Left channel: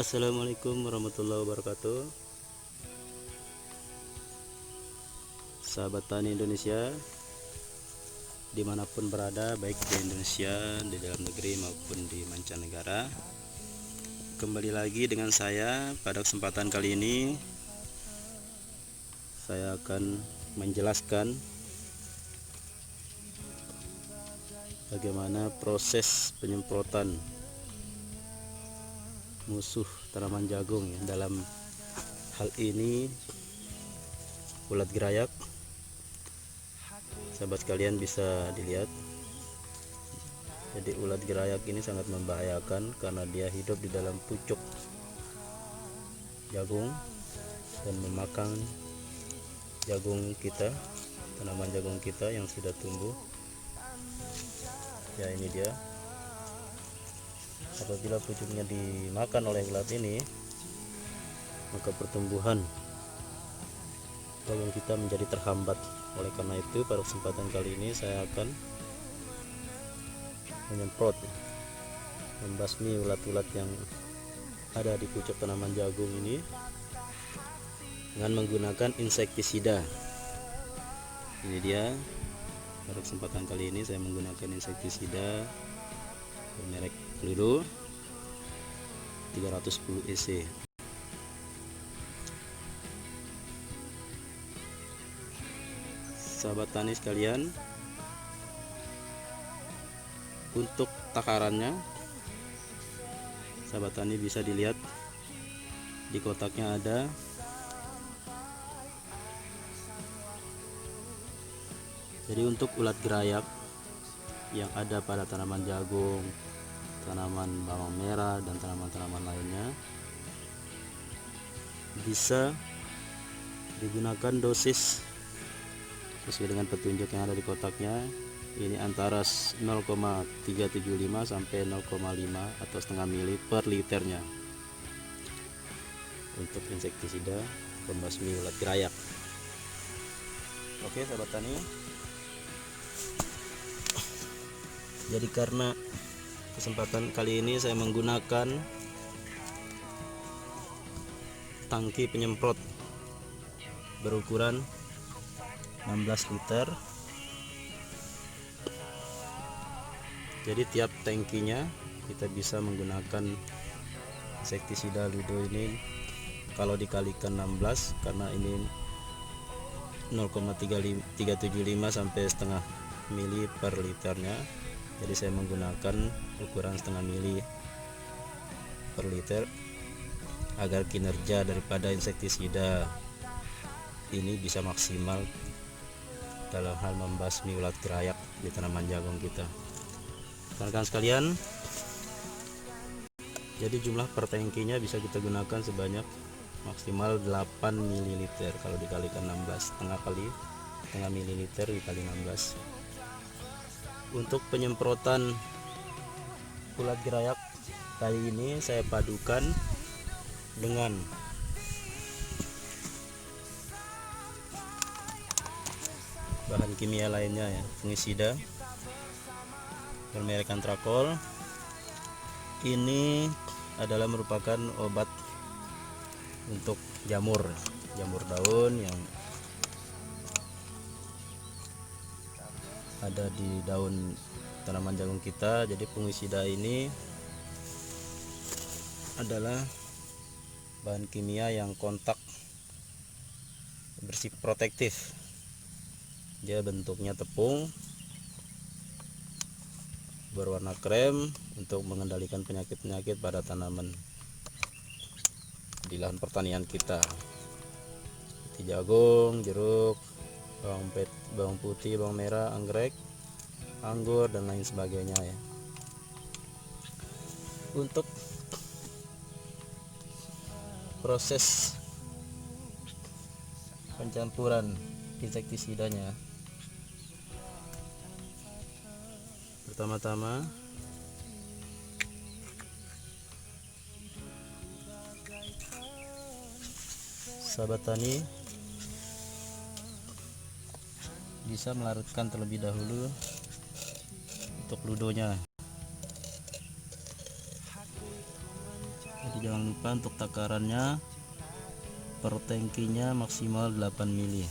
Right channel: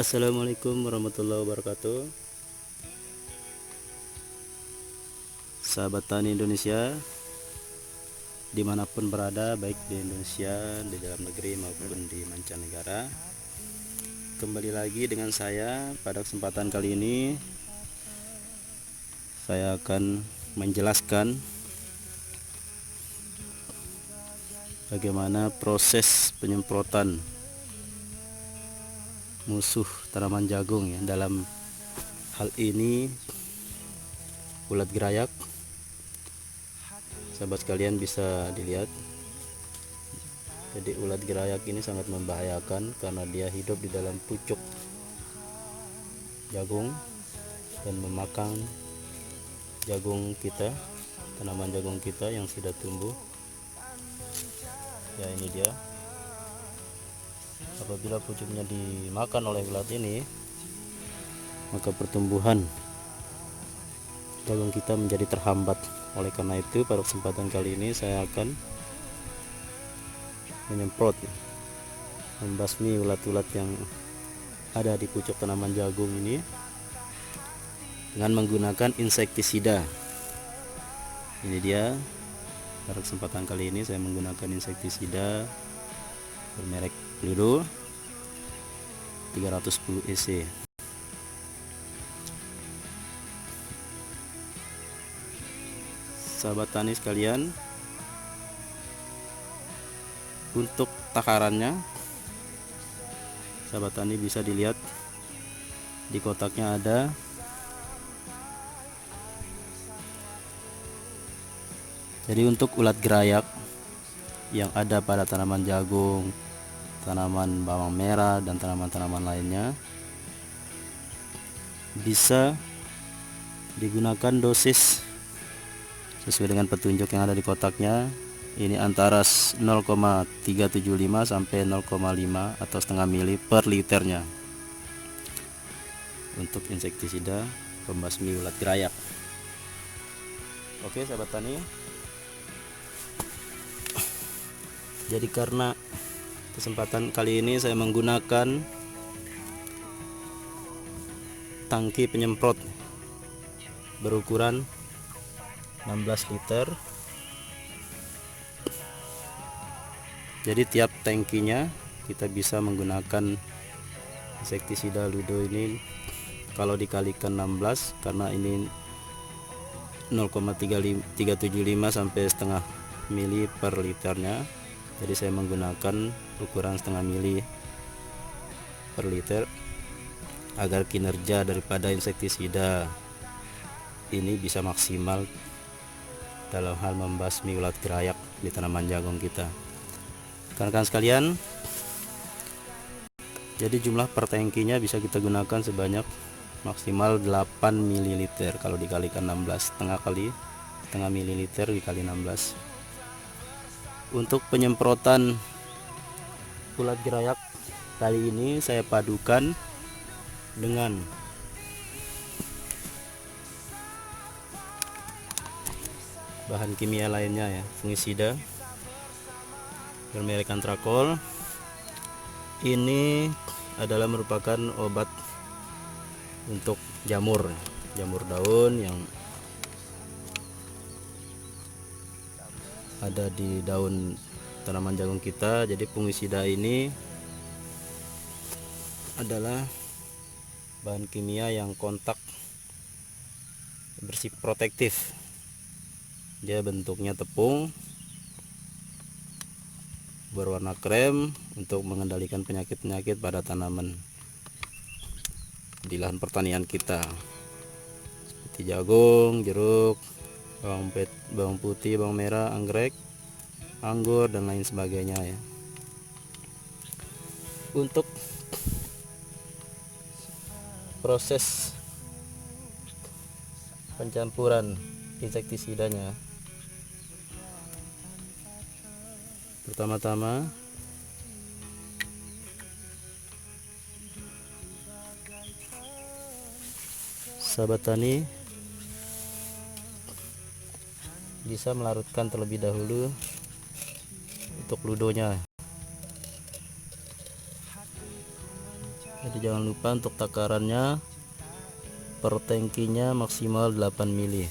Assalamualaikum warahmatullahi wabarakatuh. Sahabat tani Indonesia dimanapun berada, baik di Indonesia, di dalam negeri maupun di mancanegara, kembali lagi dengan saya. Pada kesempatan kali ini saya akan menjelaskan bagaimana proses penyemprotan musuh tanaman jagung ya. Dalam hal ini ulat gerayak. Sahabat sekalian bisa dilihat, jadi ulat gerayak ini sangat membahayakan karena dia hidup di dalam pucuk jagung dan memakan jagung kita, tanaman jagung kita yang sudah tumbuh ya. Ini dia. Apabila pucuknya dimakan oleh ulat ini, maka pertumbuhan jagung kita menjadi terhambat. Oleh karena itu, pada kesempatan kali ini saya akan menyemprot, membasmi ulat-ulat yang ada di pucuk tanaman jagung ini dengan menggunakan insektisida. Ini dia. Pada kesempatan kali ini saya menggunakan insektisida bermerek Ludo 310 EC. Sahabat tani sekalian, untuk takarannya sahabat tani bisa dilihat di kotaknya ada. Jadi untuk ulat gerayak yang ada pada tanaman jagung, tanaman bawang merah, dan tanaman-tanaman lainnya, bisa digunakan dosis sesuai dengan petunjuk yang ada di kotaknya. Ini antara 0,375 sampai 0,5 atau setengah mili per liternya untuk insektisida pembasmi ulat gerayak. Oke sahabat tani, jadi karena kesempatan kali ini saya menggunakan tangki penyemprot berukuran 16 liter. Jadi tiap tangkinya kita bisa menggunakan insektisida Ludo ini kalau dikalikan 16, karena ini 0,375 sampai setengah mili per liternya. Jadi saya menggunakan ukuran setengah mili per liter agar kinerja daripada insektisida ini bisa maksimal dalam hal membasmi ulat gerayak di tanaman jagung kita. Rekan-rekan sekalian, jadi jumlah per tangkinya bisa kita gunakan sebanyak maksimal 8 ml kalau dikalikan 16, setengah mililiter dikali 16. Untuk penyemprotan ulat gerayak kali ini saya padukan dengan bahan kimia lainnya ya, fungisida bermerek Antrakol. Ini adalah merupakan obat untuk jamur daun yang ada di daun tanaman jagung kita. Jadi fungisida ini adalah bahan kimia yang kontak bersih protektif. Dia bentuknya tepung berwarna krem untuk mengendalikan penyakit-penyakit pada tanaman di lahan pertanian kita, seperti jagung, jeruk, bawang putih, bawang merah, anggrek, anggur, dan lain sebagainya ya. Untuk proses pencampuran insektisidanya, pertama-tama sahabat tani bisa melarutkan terlebih dahulu untuk ludonya. Jadi jangan lupa untuk takarannya per tangkinya maksimal 8 mili,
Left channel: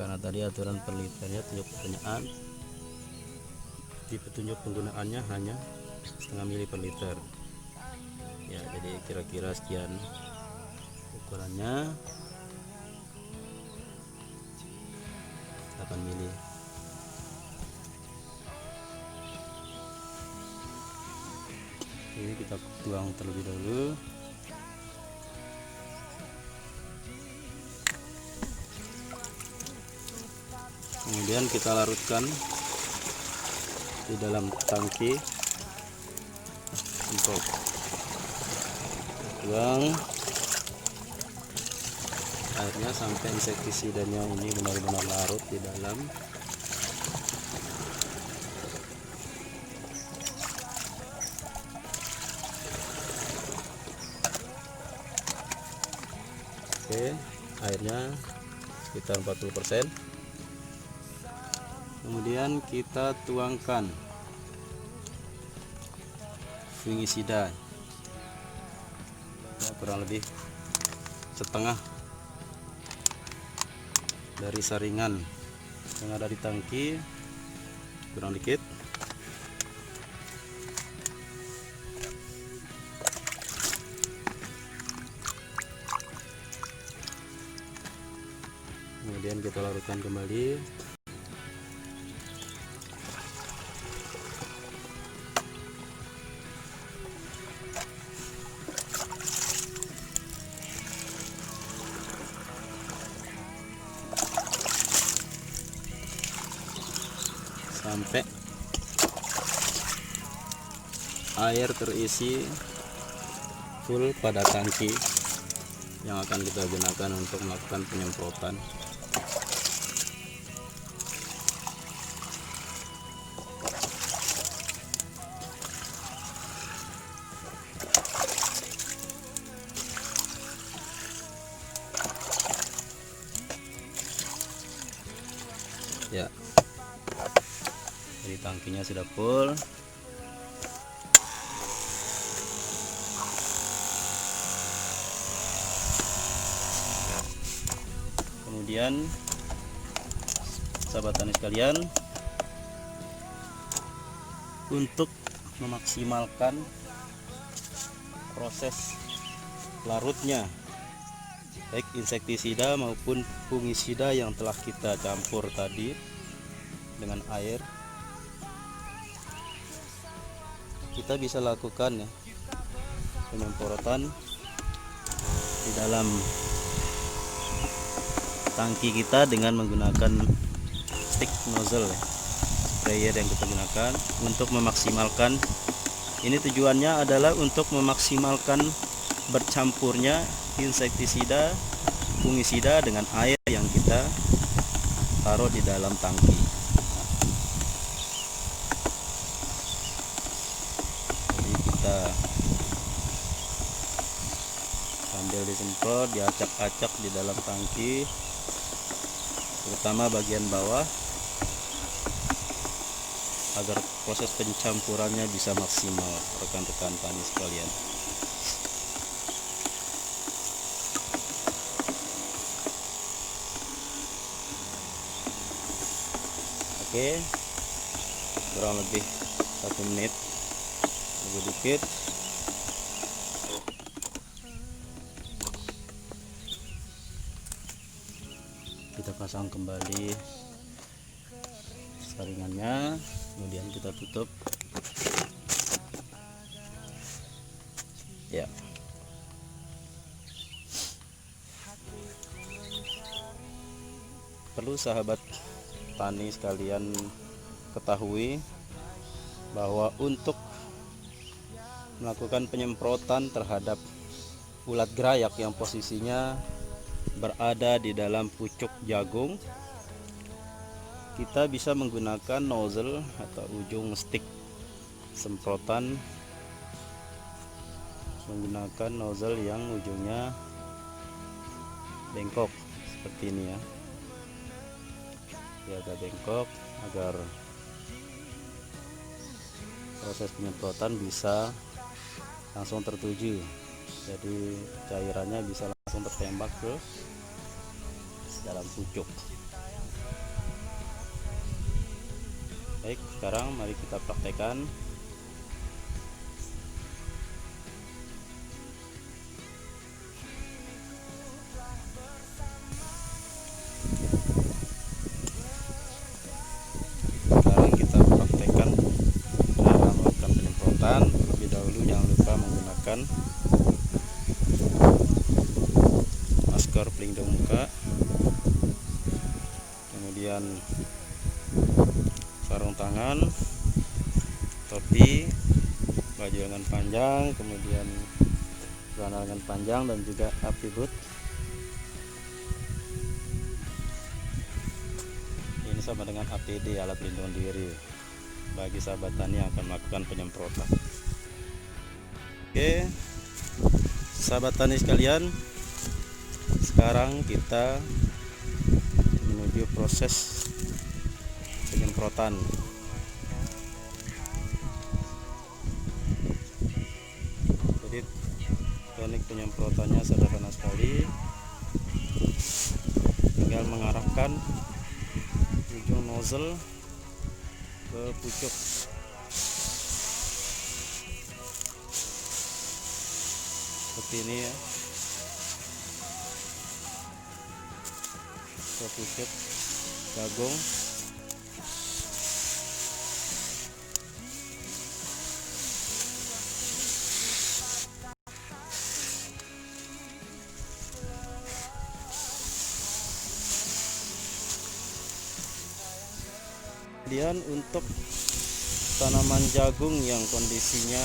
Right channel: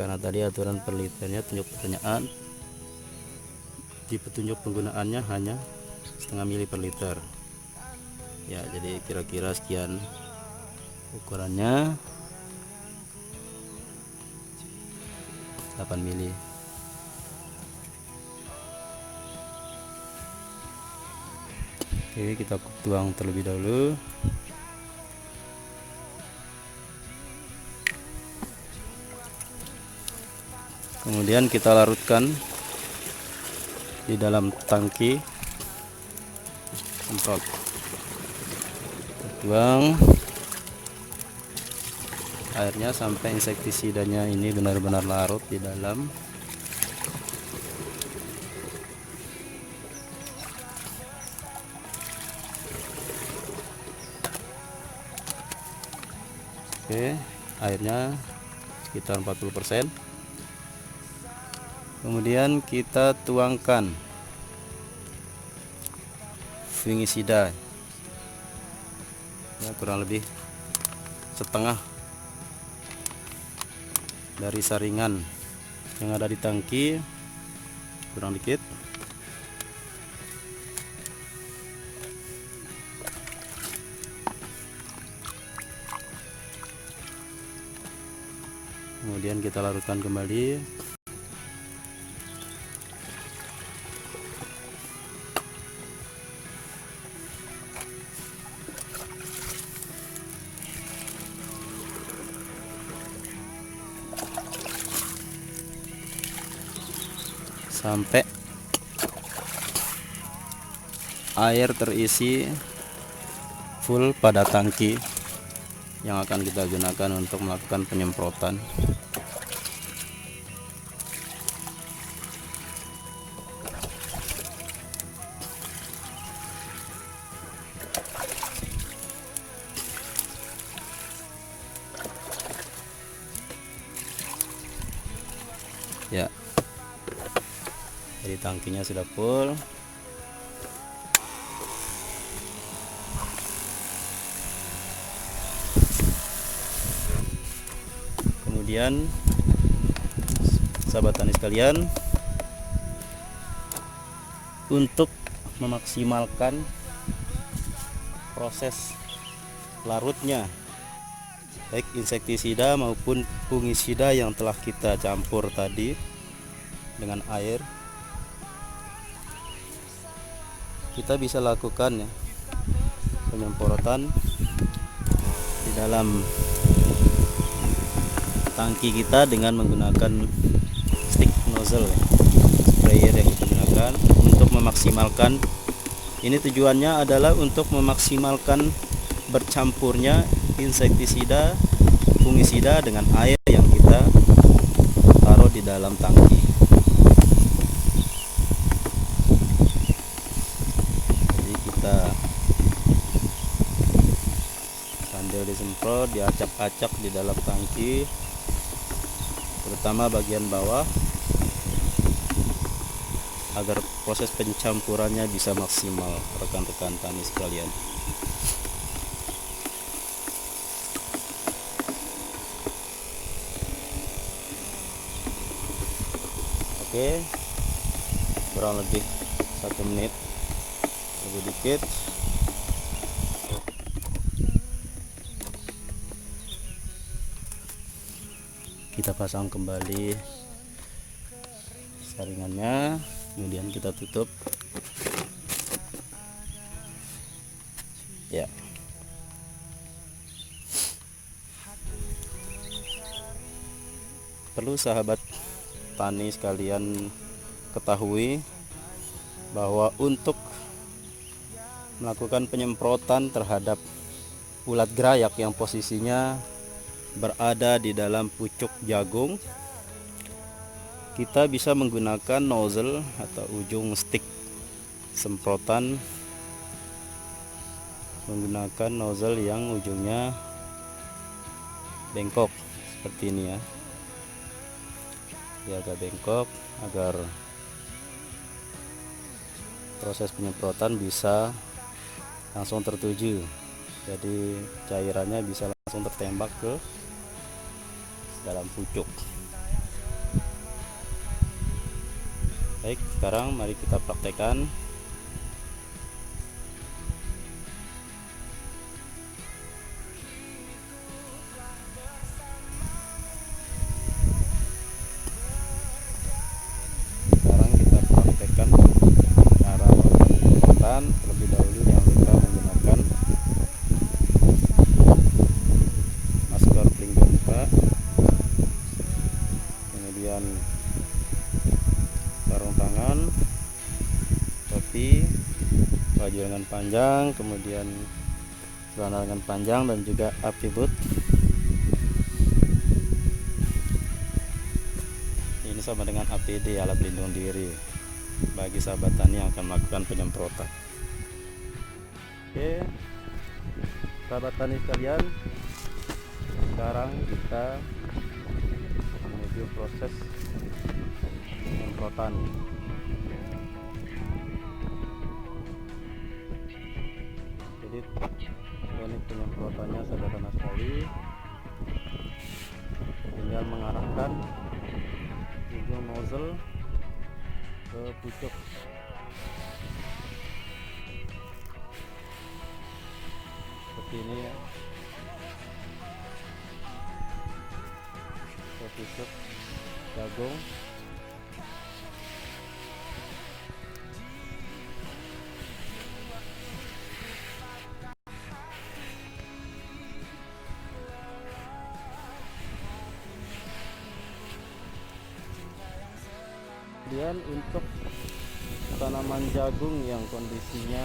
karena tadi aturan per liternya tunjuk pertanyaan di petunjuk penggunaannya hanya setengah mili per liter ya. Jadi kira-kira sekian ukurannya, 8 mili. Oke, kita tuang terlebih dahulu. Kemudian kita larutkan di dalam tangki. Untuk tuang airnya sampai insektisidanya ini benar-benar larut di dalam. Oke, airnya sekitar 40%. Kemudian kita tuangkan fungisida ya, kurang lebih setengah dari saringan yang ada di tangki, kurang dikit. Kemudian kita larutkan kembali. Sampai air terisi full pada tangki yang akan kita gunakan untuk melakukan penyemprotan. Ya, jadi tangkinya sudah full. Kemudian sahabat tani sekalian, untuk memaksimalkan proses larutnya baik insektisida maupun fungisida yang telah kita campur tadi dengan air, kita bisa lakukan ya penyemprotan di dalam tangki kita dengan menggunakan stick nozzle ya, sprayer yang kita gunakan untuk memaksimalkan. Ini tujuannya adalah untuk memaksimalkan bercampurnya insektisida, fungisida dengan air yang kita taruh di dalam tangki. Jadi kita sambil disemprot, diacak-acak di dalam tangki, terutama bagian bawah, agar proses pencampurannya bisa maksimal, rekan-rekan tani sekalian. Oke, kurang lebih 1 menit lebih dikit. Kita pasang kembali saringannya, kemudian kita tutup ya. Perlu sahabat tani sekalian ketahui bahwa untuk melakukan penyemprotan terhadap ulat gerayak yang posisinya berada di dalam pucuk jagung, kita bisa menggunakan nozzle atau ujung stick semprotan, menggunakan nozzle yang ujungnya bengkok seperti ini ya. Dia agak bengkok agar proses penyemprotan bisa langsung tertuju, jadi cairannya bisa langsung tertembak ke dalam pucuk. Baik, sekarang mari kita praktekkan. Sekarang kita praktekkan cara melakukan penyemprotan. Terlebih dahulu jangan lupa menggunakan masker pelindung muka, kemudian sarung tangan, topi, baju lengan panjang, kemudian celana lengan panjang, dan juga atribut. Ini sama dengan APD, alat pelindung diri, bagi sahabat tani yang akan melakukan penyemprotan. Oke, sahabat tani sekalian, sekarang kita menuju proses penyemprotan. Jadi teknik penyemprotannya sederhana sekali, tinggal mengarahkan ujung nozzle ke pucuk. Seperti ini ya, ke pucuk jagung. Kemudian untuk tanaman jagung yang kondisinya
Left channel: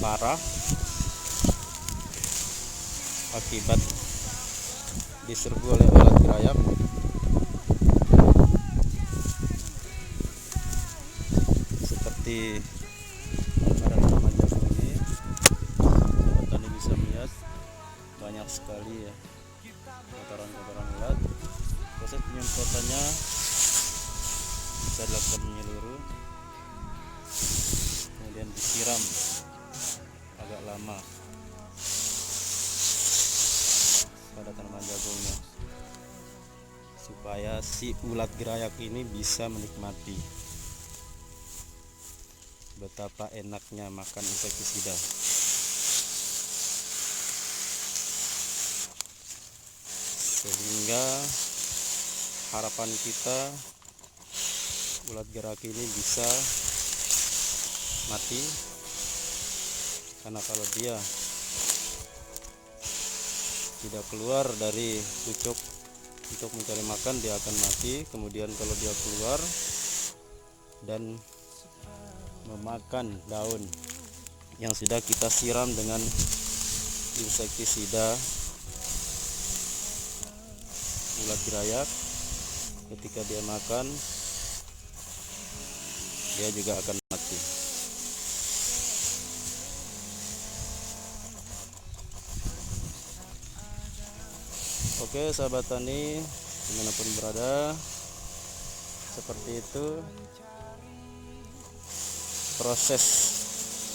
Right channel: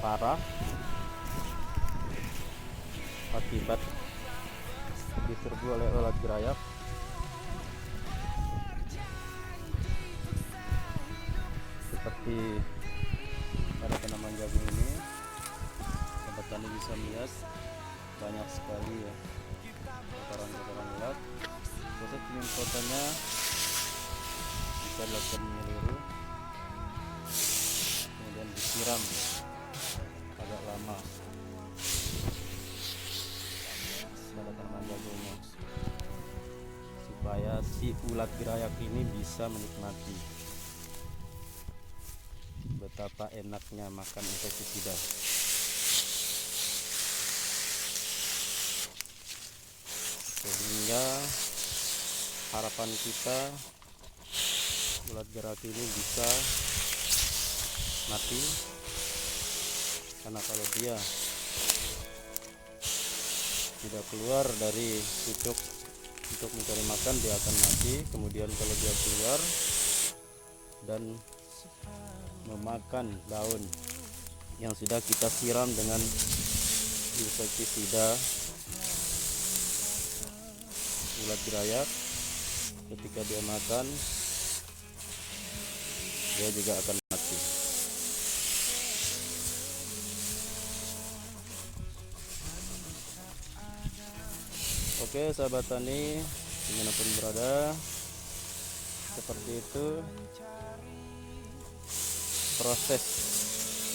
parah akibat diserbu oleh ulat gerayak, seperti pada tanaman jagung ini, petani bisa melihat banyak sekali ya kotoran-kotoran ulat. Proses penyemprotannya bisa dilakukan menyeluruh, kemudian disiram agak lama pada tanaman jagungnya, supaya si ulat gerayak ini bisa menikmati betapa enaknya makan insektisida. Sehingga harapan kita ulat gerayak ini bisa mati, karena kalau dia tidak keluar dari pucuk untuk mencari makan, dia akan mati. Kemudian kalau dia keluar dan memakan daun yang sudah kita siram dengan insektisida ulat gerayak, ketika dia makan, dia juga akan mati. Oke sahabat tani, dimanapun berada, seperti itu proses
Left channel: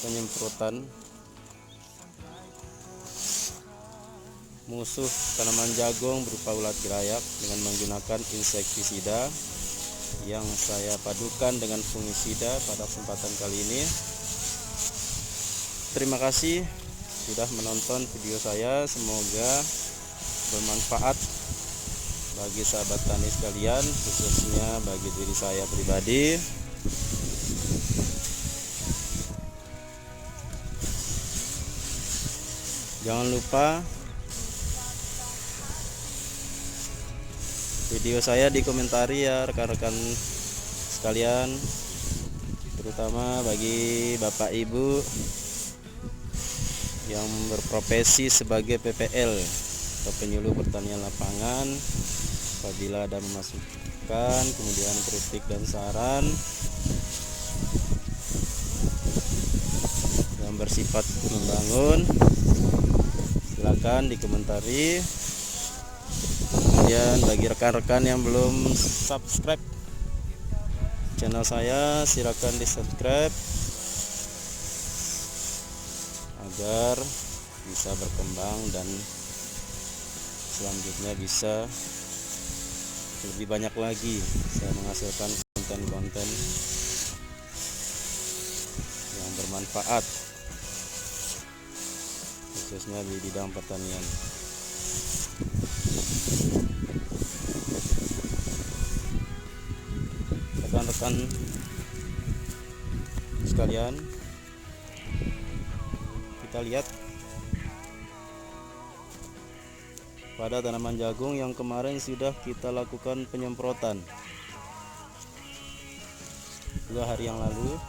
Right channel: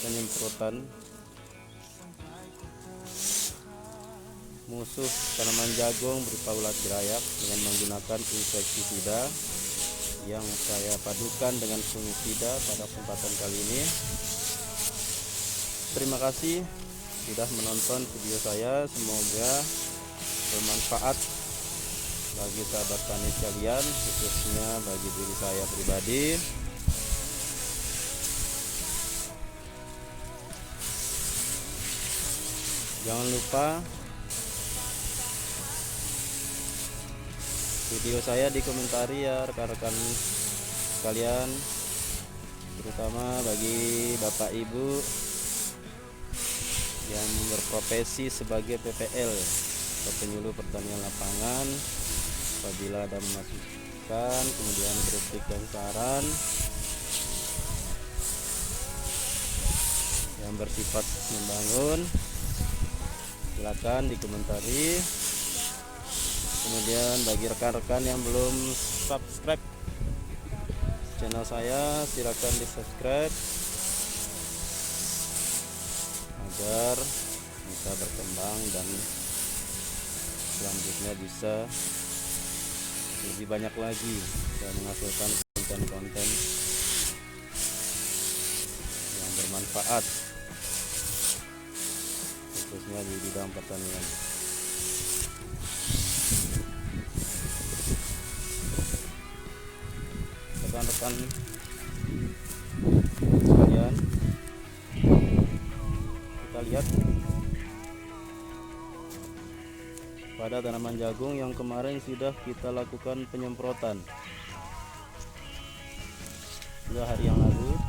penyemprotan musuh tanaman jagung berupa ulat gerayak dengan menggunakan insektisida yang saya padukan dengan fungisida pada kesempatan kali ini. Terima kasih sudah menonton video saya, semoga bermanfaat bagi sahabat tani sekalian, khususnya bagi diri saya pribadi. Jangan lupa video saya dikomentari ya rekan-rekan sekalian, terutama bagi Bapak Ibu yang berprofesi sebagai PPL atau penyuluh pertanian lapangan. Apabila ada memasukan kemudian kritik dan saran yang bersifat membangun, silakan dikomentari. Kemudian bagi rekan-rekan yang belum subscribe channel saya, silakan di subscribe agar bisa berkembang dan selanjutnya bisa lebih banyak lagi saya menghasilkan konten-konten yang bermanfaat khususnya di bidang pertanian. Rekan-rekan sekalian, kita lihat pada tanaman jagung yang kemarin sudah kita lakukan penyemprotan 2 hari yang lalu.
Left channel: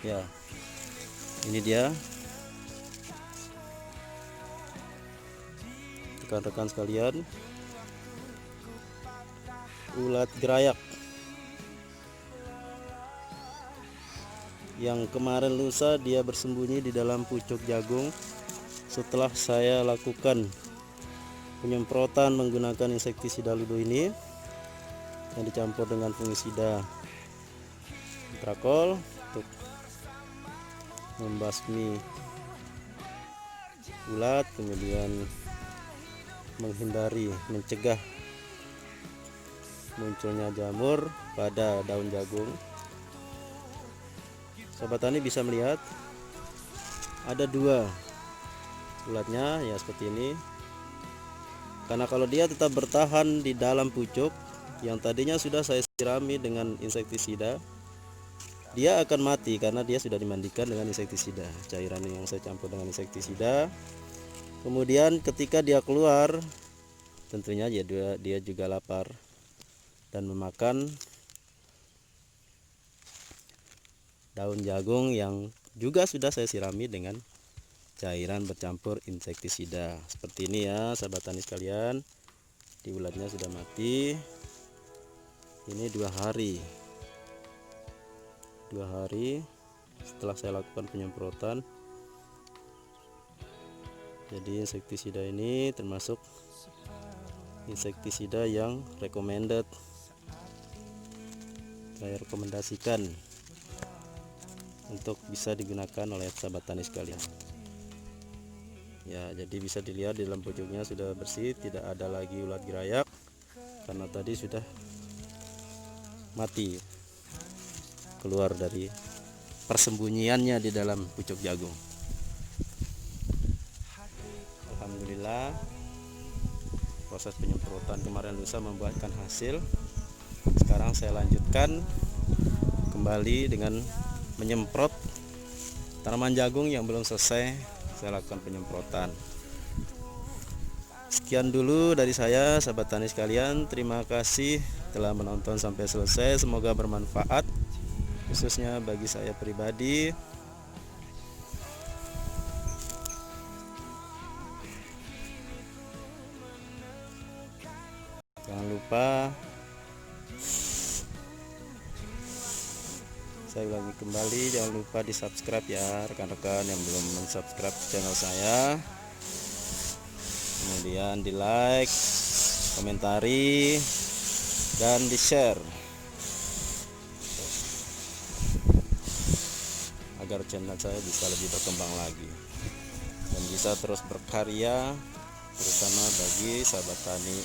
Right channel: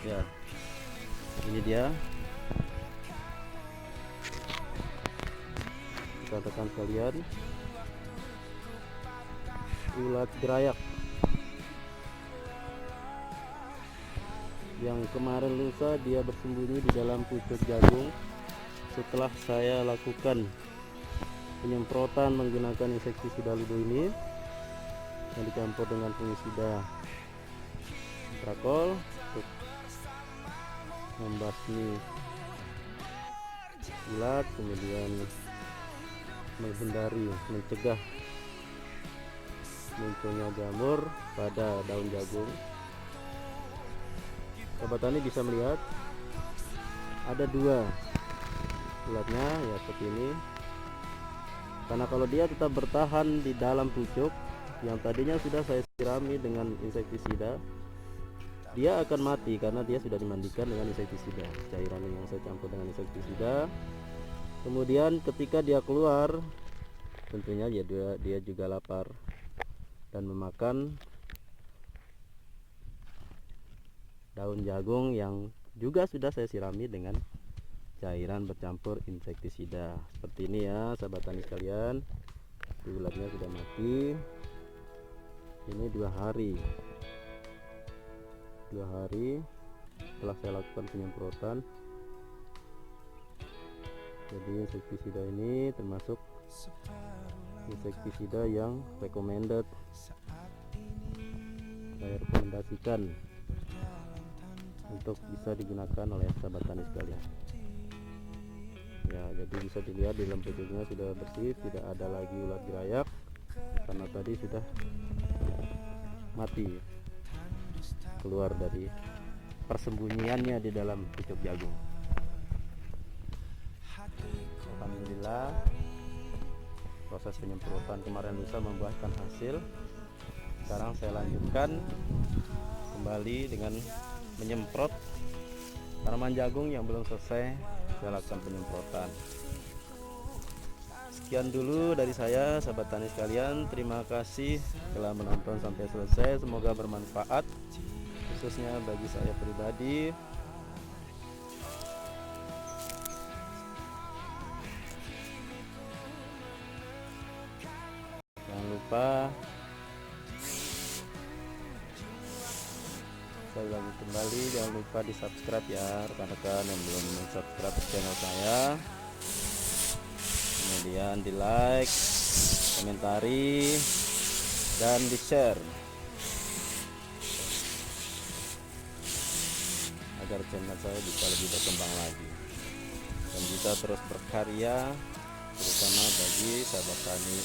Ya, ini dia rekan-rekan sekalian, ulat gerayak yang kemarin lusa dia bersembunyi di dalam pucuk jagung. Setelah saya lakukan penyemprotan menggunakan insektisida Lido ini yang dicampur dengan fungisida Trakol untuk membasmi ulat, kemudian mencegah munculnya jamur pada daun jagung. Sobat tani bisa melihat ada 2 ulatnya ya seperti ini. Karena kalau dia tetap bertahan di dalam pucuk yang tadinya sudah saya sirami dengan insektisida, dia akan mati karena dia sudah dimandikan dengan insektisida, cairan yang saya campur dengan insektisida. Kemudian ketika dia keluar, tentunya ya dia juga lapar dan memakan daun jagung yang juga sudah saya sirami dengan cairan bercampur insektisida. Seperti ini ya sahabat tani sekalian, di ulatnya sudah mati. Ini 2 hari setelah saya lakukan penyemprotan. Jadi insektisida ini termasuk insektisida yang recommended, saya rekomendasikan untuk bisa digunakan oleh sahabat tani sekalian. Ya, jadi bisa dilihat di dalam pucuknya sudah bersih, tidak ada lagi ulat gerayak karena tadi sudah mati keluar dari persembunyiannya di dalam pucuk jagung. Alhamdulillah, proses penyemprotan kemarin lusa membuahkan hasil. Sekarang saya lanjutkan kembali dengan menyemprot tanaman jagung yang belum selesai saya lakukan penyemprotan. Sekian dulu dari saya sahabat tani sekalian, terima kasih telah menonton sampai selesai, semoga bermanfaat khususnya bagi saya pribadi. Jangan lupa saya ulangi kembali, jangan lupa di subscribe ya rekan-rekan yang belum subscribe channel saya, kemudian di like, komentari, dan di share agar channel saya bisa lebih berkembang lagi dan bisa terus berkarya, terutama bagi sahabat tani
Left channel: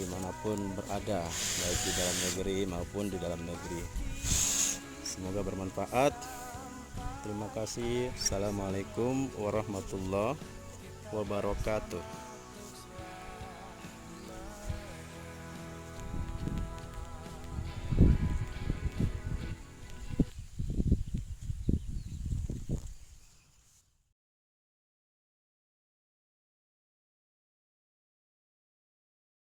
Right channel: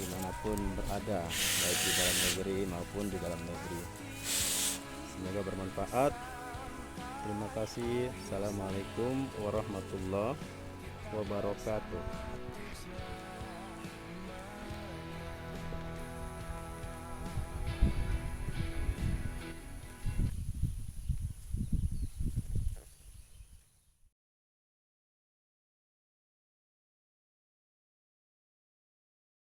dimanapun berada, baik di dalam negeri maupun di dalam negeri. Semoga bermanfaat. Terima kasih. Assalamualaikum warahmatullahi wabarakatuh.